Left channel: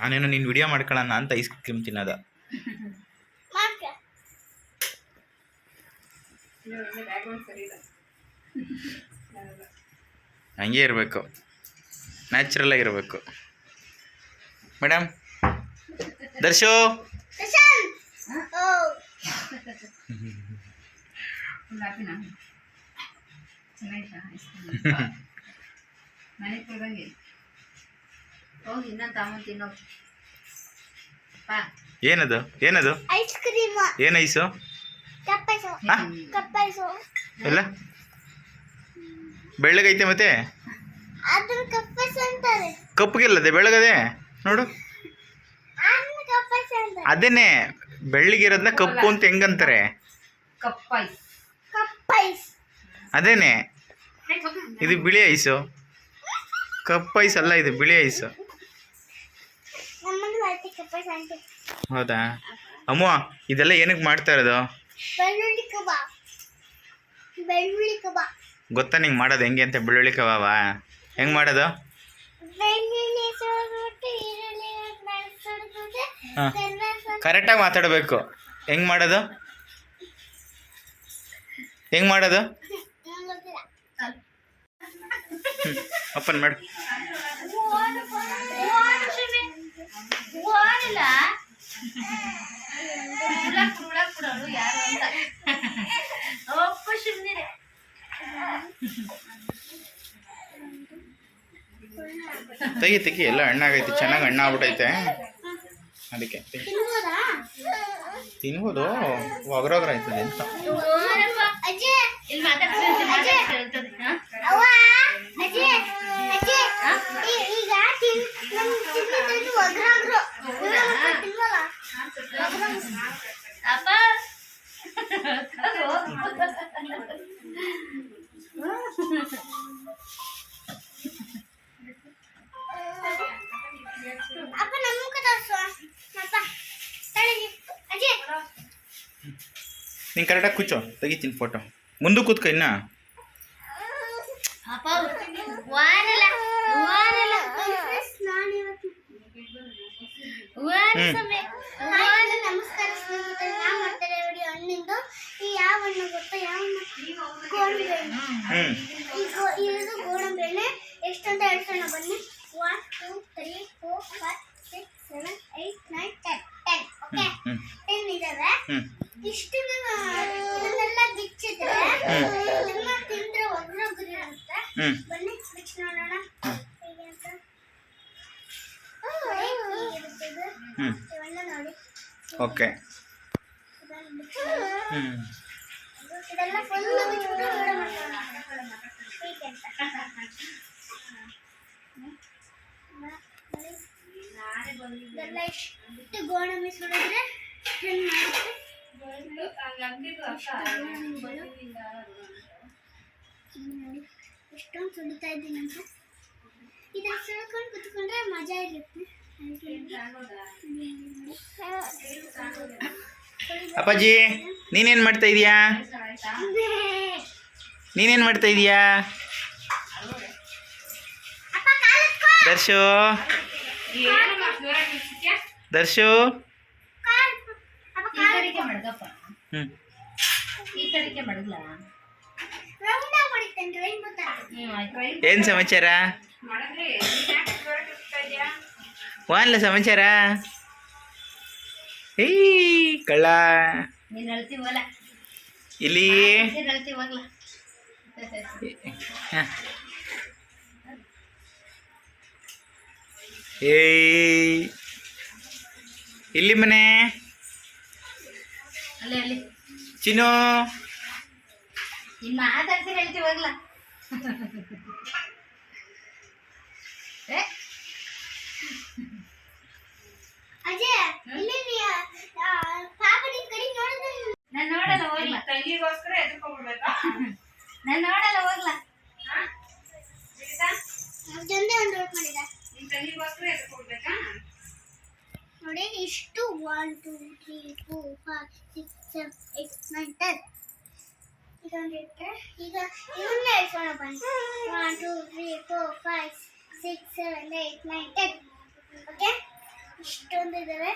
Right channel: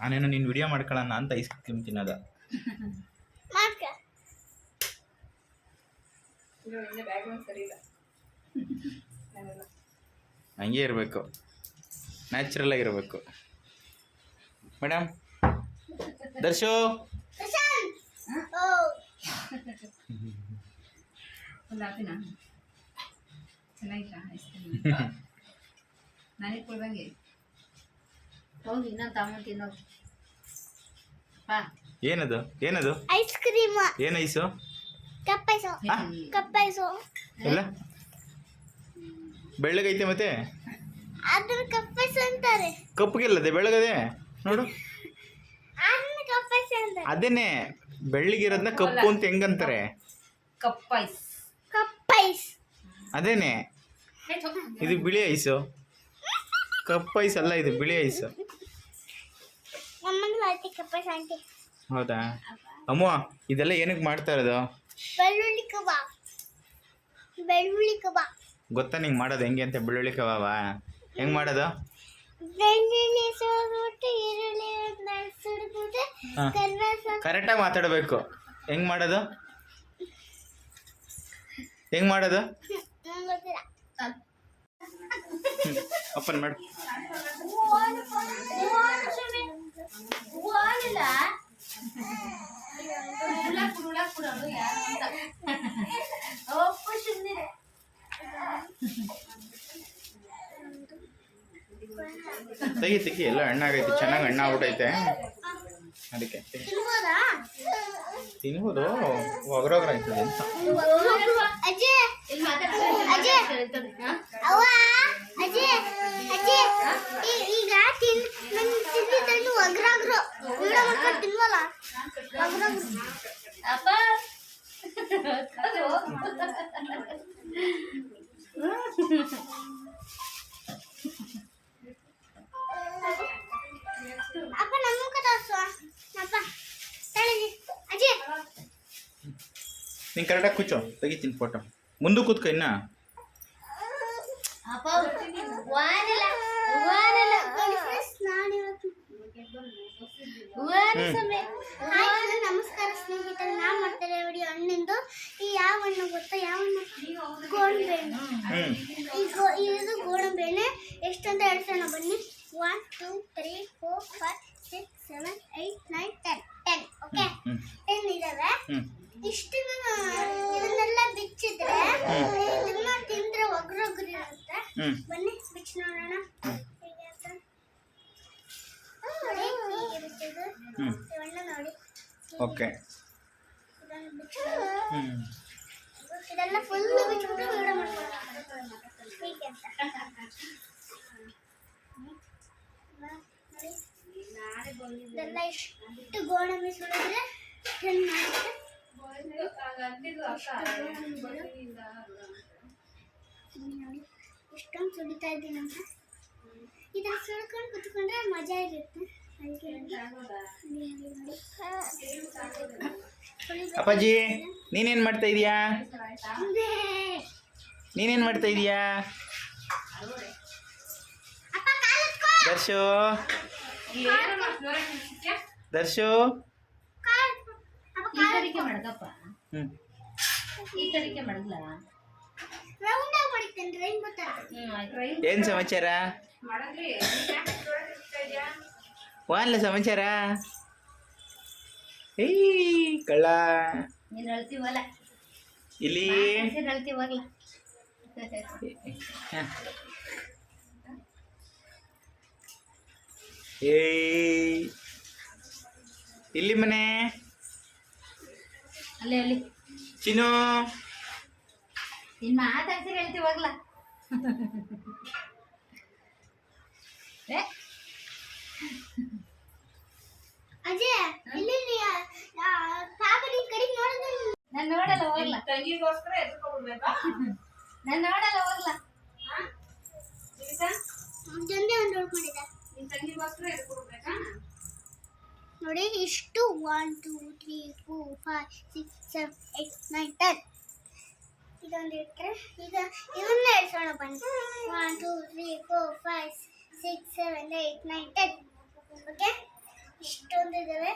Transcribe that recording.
ನಾನೇನೋ ನೀನು ವಿಡಿಯೋ ಮಾಡ್ಕೊಳ್ಳೋಣ ಅಂತ ಐಸ್ ಕ್ರೀಮ್ ತಿನ್ನೋದು. ಹಂಗೆ ಇರಬೇಕು. ನ್ಯಾಚುರಲ್ ಆಗಿರಬೇಕು ಮೇಡಮ್ ದರ್ಶು? ಪ್ರಶಾಂತ್. ಹೋಗಿ ಇನ್ನೊಂದು ತಗೊಂಡು ತಿನ್ನೋ. ಬಾ ಏನದು? ಏನದು? ಐಸ್ ಕ್ರೀಮ್ ಏನು ಐಸು ಕಪ್ಪೈಸು ಹಾ? Cup ice. ಎಲ್ಲ? ಬೆಳ್ಳಗೈತೆ ಮತ್ತೆ? ಅದ್ರ ಕಪ್ಪೈಸು ಅಂತಾರೆ. ಕಪ್ಪಗಿಲ್ಲದೆ ಬೆಳಗದೆ ನೋಡು. ಅದನ್ನ ಕಪ್ಪೈಸು ಅಂತಾರೆ. ಅದೇನೆ ಬೆಳ್ಳಗಿರೋದನ್ನ ಕಪ್ಪು ಅಂತ ಹೆಂಗಂತಾರೆ? ಕಪ್ ಐಸ್ ಕಪ್ಪೈಸ್ ಅದೇನೆ ಇದು ಬಿಳಿ ಐಸು ಕಪ್ಪು ಐಸ್ ಅಲ್ಲ ಇದು ಬಿಳಿ ಐಸು ಹೌದಾ? ಅಮ್ಮ ಇದೆಲ್ಲ ಏನಕ್ಕೆ ಮಾಡ್ತಾ ಇರೋದು? ಬೆಳ್ಳುಳ್ಳಿ ಕಬಾಬ್. ಬೆಳ್ಳುಳ್ಳಿ ಕಬಾಬ್. ಗೊತ್ತಾ ನಿಂಗೆ ಮಾಡೋದು ಹೆಂಗೆ ಅಂತ ಬೆಳ್ಳುಳ್ಳಿ ಕಬಾಬ? ಹೆಂಗೆ ಮಾಡೋದು? ಬೆಳ್ಳುಳ್ಳಿ ಸುಡ್ಬಿಟ್ಟು ಈರುಳ್ಳಿ ಸುಡ್ಬಿಟ್ಟು ಹಾ. ಕರೆಕ್ಟಾಗಿ ಮಾತಾಡಬೇಕು. ಹೆಂಗೆ ಮಾಡೋದು? ಹೆಂಗೆ ಮಾಡೋದು? ಓಪನ್ ಮಾಡು. ತೆಗಿ ತೆಗಿ ಎಲ್ಲ ಹಣ್ಣಾಗೈತಿ ಚೆನ್ನಾಗಿ ಹಣ್ಣಾಗ್ಬಿಟ್ಟೈತೆ ಅದಕ್ಕೆ. ತಿನ್ಬೋದಾ. ಒಗ್ರೊಗ್ರ ಆಯ್ತದೆ ಅಂತ. ಅಜ್ಜಿ ನೀನು ಕರೆಕ್ಟಾಗಿ ಕೂಚೋ ತೆಗಿತೀನಿ ಫೋಟೋ ಮುಂದೆ ಕೂತ್ಕೊ ಇನ್ನ. ಎಷ್ಟಂತ ವಾರಲ್ಲ ವಾರಲ್ಲ ನಾನು ಇವತ್ತು ವಾರ ಹ್ಮ್. ಸಮಯ ಹಾಯ್ ಹಲೋ, ನಮಸ್ಕಾರ ಸ್ನೇಹಿತರೆ ನಾವು ಮಾಡ್ತಾರೆ ನೋಡಿ ಹಣ್ಣಿಂದು ಈ ಯಾವ ಹಣ್ಣು ಗೊತ್ತಾ ಯಾವ ಹಣ್ಣು ಗೋಡಂಬಿ ಹಣ್ಣು ಹ್ಞೂ ಈ ಗೋ ಇದು ಗೋಡಂಬಿ ಹಣ್ಣು ಎಷ್ಟಂತ ಹೇಳ್ಸೋಣ ಬನ್ನಿ one two three four five six seven eight nine ten ten okay ಹ್ಞೂ ಟೆನ್ ಇದಾವೆ ಹ್ಞೂ ಇಷ್ಟು ಇದನ್ನೆಲ್ಲ ಬಿಚ್ಚಿದ್ರೆ ಇದನ್ನ ತಿಂದ್ರೆ ಒಗ್ರೊಗ್ರಿ ಇರುತ್ತೆ. ಬನ್ನಿ ನೋಡೋಣ. ನೋಡಿ, ಓಕೆ. ಇದೆಲ್ಲ ಫುಲ್ ವಿಡಿಯೋ ಹೀಗೆ ಅಂತ. ಇದೆಲ್ಲ ಇಷ್ಟು ಗೋಡಂಬಿ ಸುಡಿದ್ರೆ ಹೆಂಗ್ ಮಾಡುತ್ತೆ? ನೋಡಿ ಎಷ್ಟೊಂದು ಸುಡಿತಾ ಇದ್ದೀನಿ ಅಂತ. ಇದನ್ನ ಸುಳ್ಕೊಂಡು ಕುತ್ಕೊಂಡ್ರೆ ಮಜಾ ಇರುತ್ತೆ. ಅಪ್ಪಾಜಿ ನೀನೇನು ಮಾಡ್ತಾ ಇದೀಯಾ? ನೀನೇನು ಮಾಡ್ತಾ ಇದೀಯಾ? ಅಪ್ಪ ಕಾಲ್ ದರ್ಶು. ದರ್ಶು. ಹ್ಞೂ ಈ ಕಡೆಗೆ ಮಡಗ್ಲ ಏನು ಸಮಾಚಾರ? ಒಂದ್ಲ ಸಮಾಚಾರ? ಏಯ್ ಕಳ್ಳ. ಇಲ್ಲಿ. ಏಯ್. ಇಲ್ಲಿ ಮನೆ. ಅಲ್ಲಿ ಅಲ್ಲಿ. ಚಿನ್ನು ನೀನು ಮಾತಾಡ್ಸಿ ಹೇಳ್ತೀವಾಗ್ಲ ಏ ಅಜಯ್ ಇಲ್ಲಿ ನೀ, ಆ, ಪಾಪ ನಿನ್ ಕಡೆ ನೋಡಿದ್ರೆ ನಾನು ನೋಡಲ್ಲ ಹೋಗ್ಲ ತಂಗಿಗೋಸ್ಕರ ಎದ್ಕೊಬಿಡ್ಬೇಕಾ ನಾನು ನೋಡಲ್ಲ ಹೋಗ್ಲ ಜೊಂದೆ ಒಂದು ವರ್ಕ್ ಮಾಡಿದ ನಿನ್ ತಂಗಿಗೋಸ್ಕರ ಎದ್ಕೊಬಿಡ್ಬೇಕಾ ನೋಡಿ, ಇಷ್ಟು one two three four five six seven eight nine ten ಇದೊಂದು ಇಟ್ಟರೆ ಈಗ ಇವನ್ನ ಹೇಳ್ಸೋಣ ಬನ್ನಿ. One two three four five six seven eight nine ten okay ಇಷ್ಟೊಂದು ಇದಾವೆ